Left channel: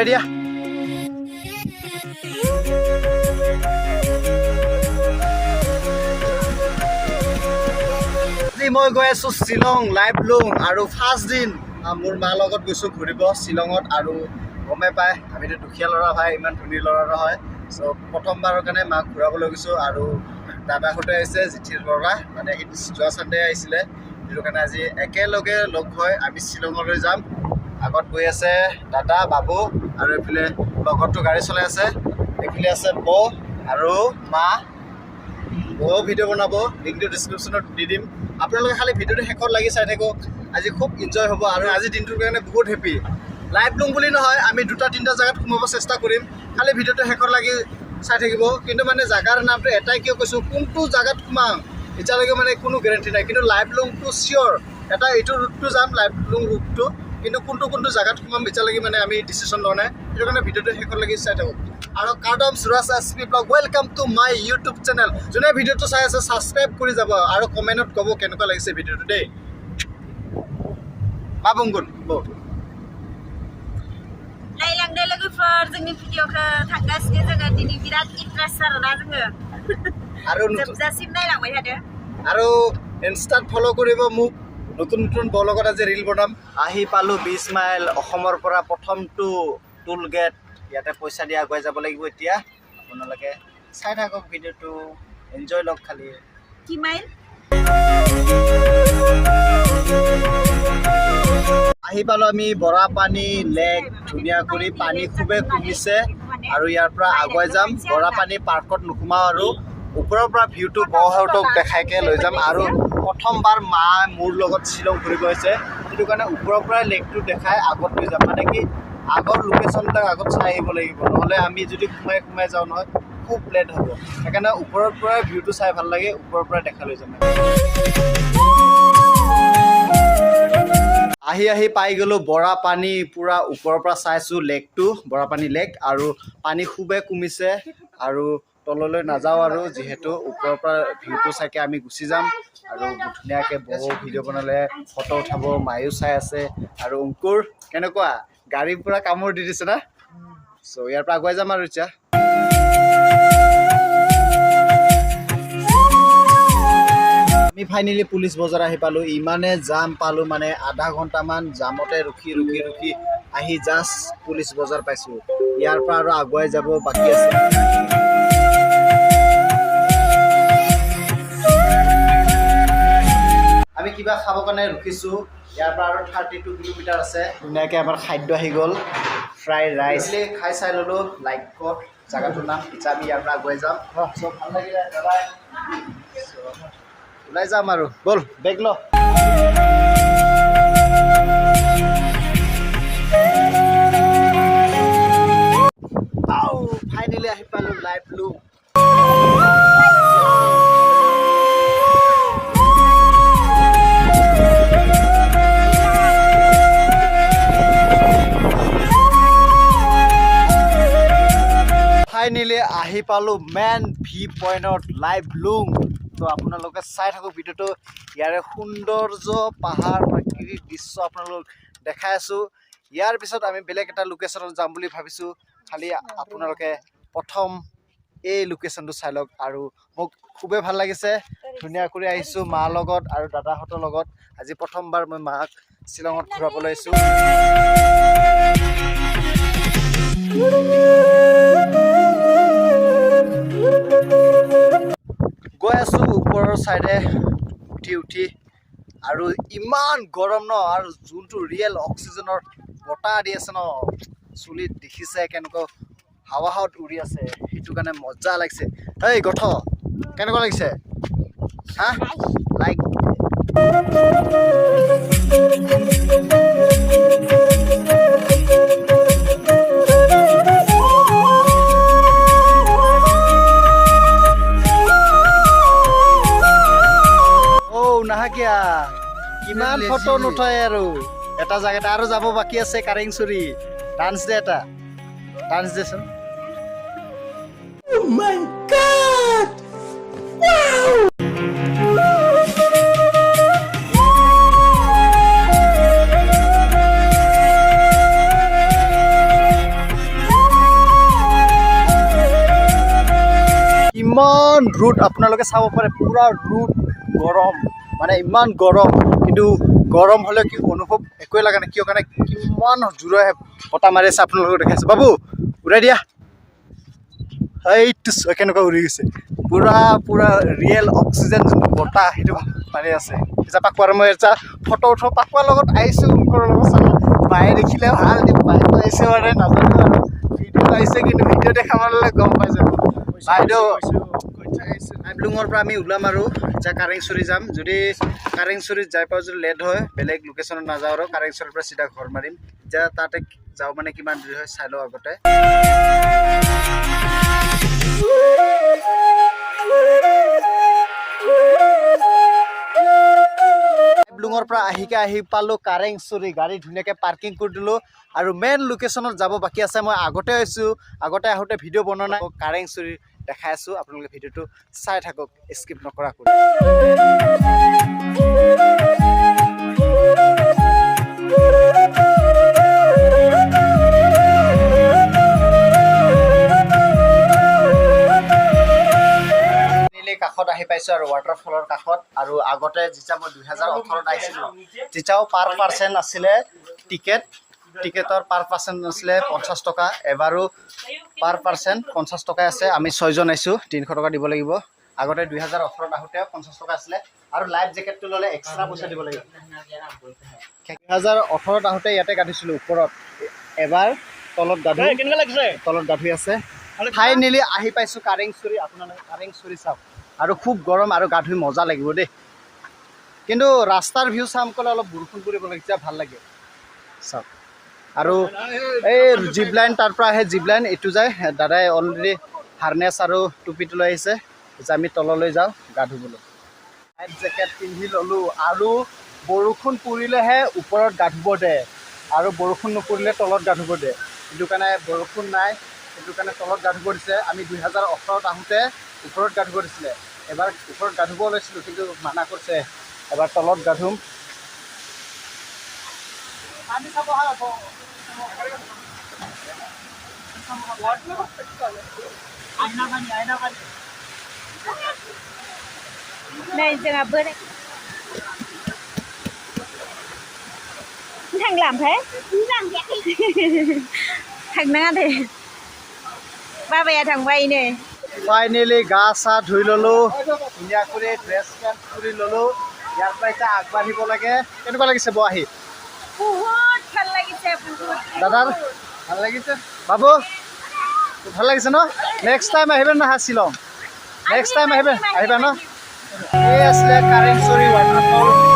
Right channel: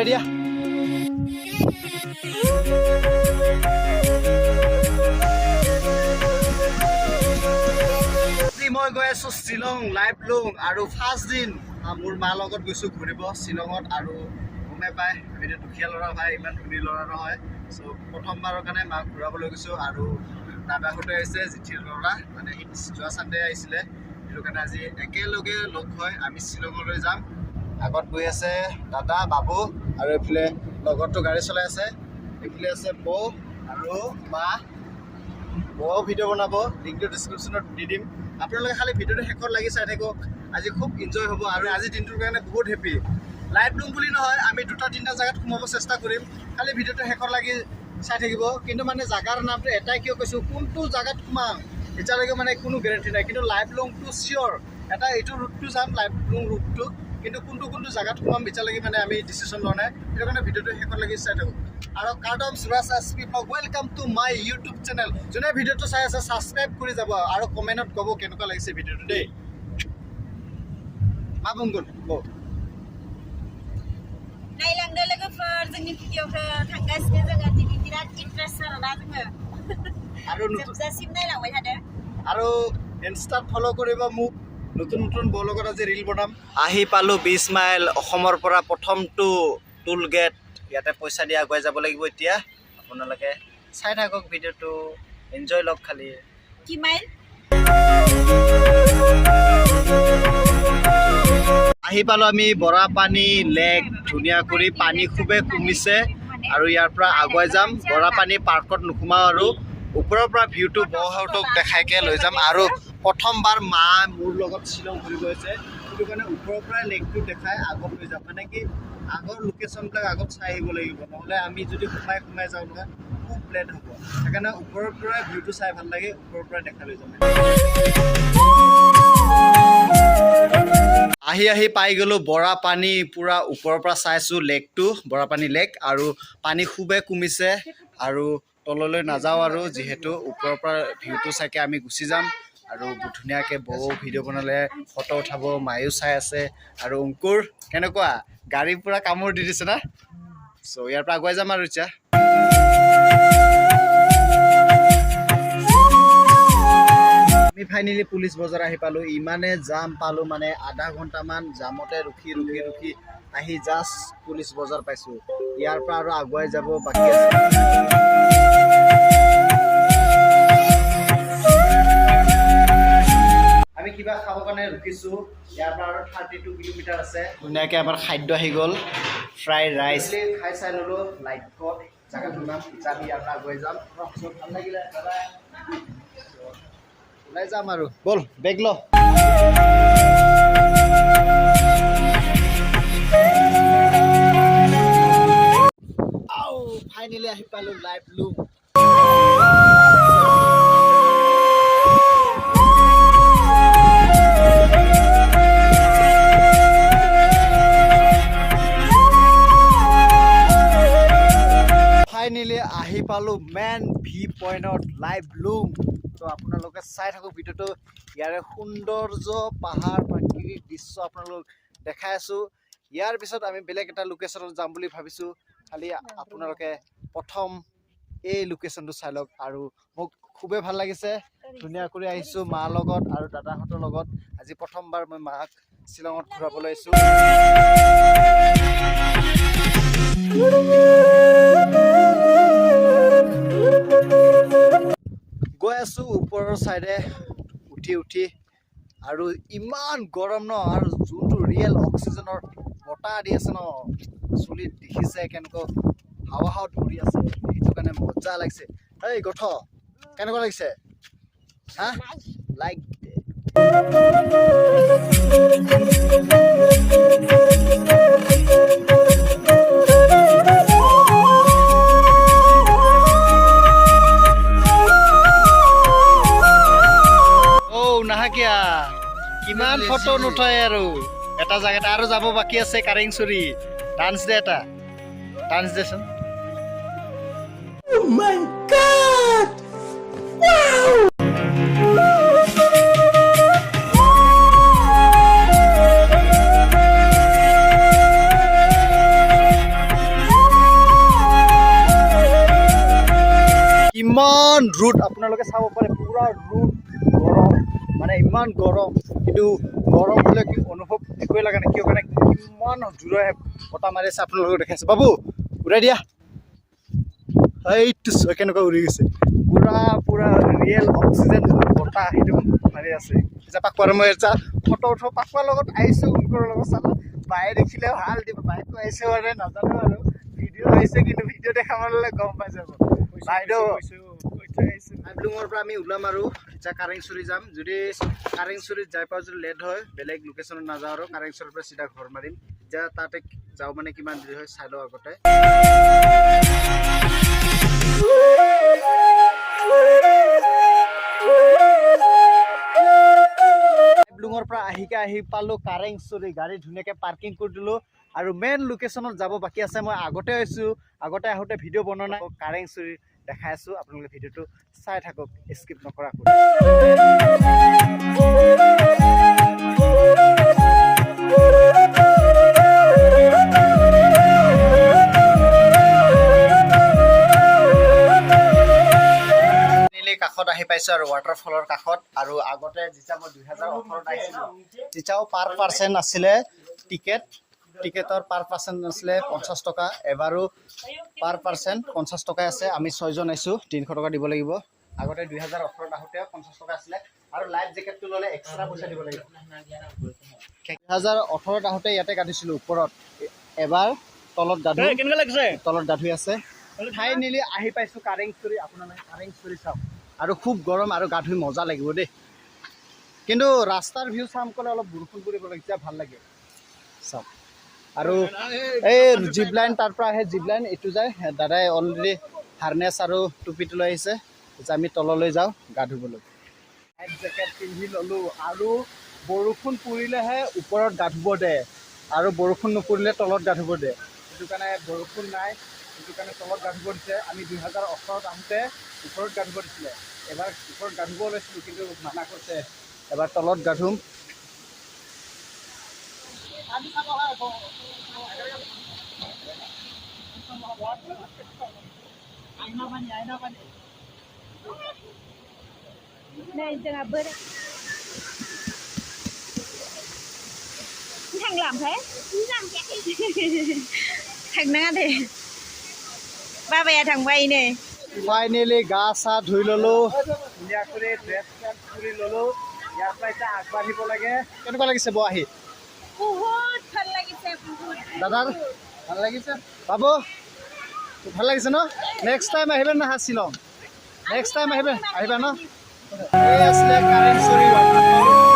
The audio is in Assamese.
ready? মই গৈ আছো শিলং লাইটলুম আৰু ফাৰ্ষ্ট দিন মোৰ মা লগত গৈছো ঘুৰিব শিলঙত আৰু গমে পায় আমিতো দুখীয়া ল'ৰা ভাই ইমান ধনী ল'ৰা নহয় সো প্ৰথমবাৰৰ কাৰণে মাক ঘূৰাবলৈ গৈছো আৰু দাদাহঁতে আহিছে জিঠিৰ ল'ৰা মানে যোৱা সানডে আহিছিলে সেইটো কাৰণে আজি একেলগে লগ হৈ আমি শিলঙলৈ যাম আগত গৈ আছে দাদা বাবু আৰু এফালে লগতো গাড়ী চলাই আছে এফালে আছে বৌ আৰু মা বৌ ভিডিঅ' বনাব লিংকটো ডেছক্ৰিপশ্যনত দি দিম আপোনালোকে খালি ভিডিঅ'টো শেষত লাগি চাই থাকক আজি খুব এনজয় হ'ব আৰু আজি দিনটোৰ কাৰণে বহুত হেপী লাইটলুম বুলি নহয় আমি দুটা তিনিটা জায়গাত সোমাব চেষ্টা কৰিম খালি ভিডিঅ'টো শেষত লাগি চাই থাকিব কিন্তু মানে জাগাৰ নামটো এটাই কিয় কৈছো কোনটো জাগাত সোমাম এতিয়ালৈকে মানে কোনো গ্যাৰান্টি নাই কিন্তু লাইটলুমটো চিয়ৰ এটা এইটো ৰুটটো যাম লাইটলুম ৰুটটো কিন্তু কোনটো জাগাত সোমাম এতিয়ালৈকে মানে আমি ডিসিশন লোৱা নাই সেইটো কাৰণে ভিডিঅ'টো শেষত লাগি চাই থাকক আৰু কাৰ্ডম Suraj SP blog welcome to my YouTube channel যোনে ভিডিঅ'টো চাই আছে সাবস্ক্ৰাইব কৰি যাব আৰু কমেন্টত ক'ব কেনেকুৱা লাগিছে ভিডিঅ'টো দেই বাবুংগুল বৌ नायलांदो लोगोफोर जोंनि भिडिअखौ थांगासिनो जोङो दिनै बिराद इन्ट्रेस्ट आरोना जोङो আৰু जोबजासिम नायलांबाय थादो আৰু ইনষ্টাত ফলো কৰিব মোক নতুন ব্লগত আজি ৰীল বনাম আহি পালো 20 মাইল অসমৰ পৰা প্ৰথমটো টুল গেট ইয়াতে পইচা দিয়া গৈ যাব লাগিব এতিয়া আপোনালোকে চাই থাকক ভিডিঅ'টো এনজয় লওক খালি কি মাইল আহি পালো আমি বৰাপানী লেক ধুনীয়া কৰি পানী খুবে কমিছে আৰু ইয়াৰ পৰা আগুৱাই যাম বৰাপানী পাৰ্কত নুকুমাও আৰু ওপৰৰ পৰা ভিউটো বহুতক দেখাইকে লৈ যাম আৰু প্ৰথমবাৰ মা মোৰ লগত শিলং ঘূৰিব হৈছে সেইটো কাৰণে ওপৰৰ পৰা লেকটো দেখাই আগত লৈ যাম মানে কি আগৰ লোকেশ্যনটা আগত চাই আহিব লাগিব নহ'লে আমি যদি সোমাই যাওঁ নহয় খুব লেট হ'ব সেইকাৰণে ওপৰৰ পৰা ভিউটো চাই ভাল লাগে ওপৰৰ পৰা দেখা লৈ যাম আহি পাই গলো বৰাপানী পুৰা ওপৰৰ পৰা চাইছো লেকটো বৰাপানী লেক আৰু পানী খুবে কমিছে আৰু তললৈ নাযাওঁ আৰু যিহেতু ওপৰৰ পৰা ভিউটো চাইকে আমি গুচি যাম আৰু ধুনীয়াকৈ বৌ ভিডিঅ' বনালে ফটো উঠাব মায়ো চাই আছে আৰু অংকুৰ কেনেকুৱা গাড়ী পুৰা কামোৰ দি দিছে না চ' ইয়াৰ পৰা আগুৱাই যাম আৰু এতিয়া আমি ফাইনেলি পুলিচ বজাৰ আহি পালো ইমানে জাম পালো মানে আধা ঘণ্টামান জামতে ৰখি আহি জাষ্ট পুলিচ বজাৰ পাইছো ইয়াৰ পৰা আৰু আগুৱাই যাব বাকী আছে আমি কিবা খাব কাৰণে ৰখিছো ইয়াৰ পৰা আৰু 32 কিলোমিটাৰ আছে ধুনীয়াকৈ আমাৰ খাদ্য আহি গ'ল ফ্ৰাই ৰাইচ খাই চাই ল'লো লাইক জাগাটোৰ নাম এতিয়া আমি ইয়াৰ পৰা আগুৱাই যাম চব ভাল লাগিলে বাই ওলাই যাম আৰু বল বেগ ল ফাইনেলি আহি পালো লাইটলুম ফাইনেলি আহি পালো মেন ভি পইণ্টত লাইটলুম তো আপোনালোকে চাই থাকক ভিডিঅ'টো ইয়াৰে সৌন্দৰ্য পাহাৰ প্ৰাকৃতিক দৃশ্য আপোনালোক দেখাই আছোঁ ইয়াৰ পিছত আমি বেলেগ এটা লোকেশ্যনত যাম বুলি ভাবিছোঁ খালি আপোনালোকে প্ৰথম এই লোকেশ্যনটো চাই লওক আৰু মোক খুবেই ভাল লাগিছে ধুনীয়া কৰি আহিছোঁ মাৰ লগত আৰু দাদাহঁতৰ লগত আজি প্ৰথমবাৰ মই মাক শ্বিলঙত ঘূৰাবলৈ আহিছোঁ গৈ আছোঁ ওপৰৰ চাইডে উঠি আৰু ইমান গৰম ন আৰু যোনটো ৰিয়েল অক্সিজেনৰ বতাহ দি আছে ন চুলিত দেখিছে কেনেকুৱা হাৱাত উৰি আছে সেইটো কাৰণে মজা লাগিছে এই গঠ কেনেকুৱা লাগিছে হা লাইক কিমান ফটো নুঠাই আৰু এটা জায়গাত আৰু যাব বাকী আছে কাৰেং চুৰি ডান্স দে এটা ডান্স দেচোন Oh my God! Wow! আপোনালোকে চাব পাৰে পুৰা ৰ'দ গৰম মানে ইমান গৰম কিন্তু গৰম হ'লে কি অনুভৱ একোৱে লগা নাই কিয় কাৰণে কিমান জোৰে বতাহ মাৰি আছে আপোনালোকক দেখাইছে বাবু উৰাই দিয়া এইটো কেনেকুৱা উৰি গৈছে পুৰা পুৰা ৰিয়েল অক্সিজেন বতাহ সেইটো মাৰি আছে এতিয়া পাকোৱাৰ মই এটা ফটো উঠাওঁ পাকোৱাৰ লগত আহিছোঁ ওমকৰৰ লগত চাওঁ বায়ে দেখিলে ভাল বায়েতো আহিছে মানে নাজানো আৰু ভিডিঅ' আহিছে কিন্তু ভিডিঅ' দেখা পালে গম পাই যাব বাইদেউ লাইটলুমৰ পৰা আমি ওলাম আৰু এতিয়া কাৰেংচুৰি যাম যদি কাৰেংচুৰিত যাই পাওঁ যদি লেট হয় বেলেগ লোকেশ্যনত নাযাওঁ আৰু কাৰেংচুৰিৰ পৰা চিধা ঘৰ মাৰিম এতিয়া তাতে যাওঁ মানে কিমান দেৰি হয় চাই লওঁ আগতে লাইটলুমৰ পৰা আহি পালোঁ কাৰেংচুৰি গাড়ী ধুনীয়াকৈ পাৰ্কিং কৰি দিলোঁ আৰু মেইন লোকেশ্যনত যাব বাকী আছে মই আগতে আহিছোঁ আগতে আহোঁতে ভিডিঅ' বনোৱা নাই কাৰেংচুৰি দেখাই আছোঁ আপোনালোকে ভিডিঅ'টো চাই থাকক স্কিপ নকৰাকৈ কাষত আহি পাইছোঁ আৰু ৱাটাৰফলৰ কাষত আৰু আগতে যেতিয়া মই 2018ত আহিছিলোঁ তেতিয়াও পাৰ পাৰ্চন আছিলে টিকেটৰ পাৰ পাৰ্চন আছিলে 50 টকা এবাৰো পাৰ পাৰ্চন 50 টকাই আছে আমি 6 জন আহিছোঁ 300 টকা দিব লাগিব আগতে 2018ত আহোঁতে 50 টকা আছিলে আৰু লাইফ জেকেটটো ল'লে এক্সট্ৰা পইচা দিব লাগিব 2018ত আহোঁতে ইয়াতে গাধিছিলোঁ ওপৰত এবাৰ তলত গাধুই আছে ফাইনেলি আহি পাইছোঁ কাৰেংচুৰি আপোনালোকে কাৰেংচুৰি চাওক আৰু খুব গৰম আৰু গা ধুই মজা লাগিব দেই কিন্তু ৰাস্তাৰ ভিউ চাম ক'লে অলপ বৰষুণ পৰিব লাগিছে ভাল লাগে চাওক আৰু এই জিপ লাইন তাৰ পৰা আহে জিপ লাইন এইটো যায় দাদাই অলৰেডি হাৰ্নেছ আৰু টুপিটো লৈ আহিছে যে আমি তললৈ যাওঁ গা ধুবলৈ লাইফ জেকেট পিন্ধি ল'লোঁ আৰু বৰষুণ পৰিলেহে ওপৰত গা ধুব দে আৰু বৰষুণ নপৰিলে তলত গা ধুব দে সেইটো কাৰণে বৰষুণ নাই সেইটো কাৰণে তলত গা ধুব দিছে আমি 2018ত আহোঁতে ওপৰত গা ধুব দিছিলে এবাৰ ওপৰত গা ধুব লৈছিলোঁ কিন্তু মানা কৰিছে এবাৰ তলত গা ধুম Này giờ gặp bữa đây. Thằng làm thế? Làm vậy. Thằng na thì. Ba bè thằng vay nè. Finally গা চা ধুই ল'লোঁ ধুনীয়াকৈ ড্ৰেছ পেণ্ট ফুৰি ল'লোঁ ইয়াৰ পৰা এতিয়া আগবাঢ়িব লাগে কেনেকুৱা লাগিছে বৌ আহি বহুত ভাল লাগিছে দাদাৰ ভাল লাগিছে বাবু ভাল লাগিছে ন নেক্সট টাইম আহিবে নহয় শ্বিলং নেক্সট টাইম আহিবা ন এই আছিলে কাৰেংচুৰি ৱাটাৰফল